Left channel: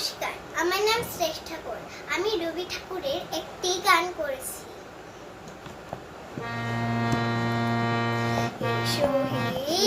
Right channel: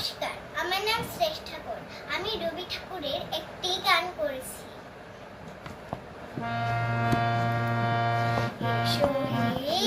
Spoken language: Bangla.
নমস্কার, আমার নাম শ্রেষ্ঠ ঠাকুর। আমি রবি ঠাকুরের একটি গান করেছি। এসো হে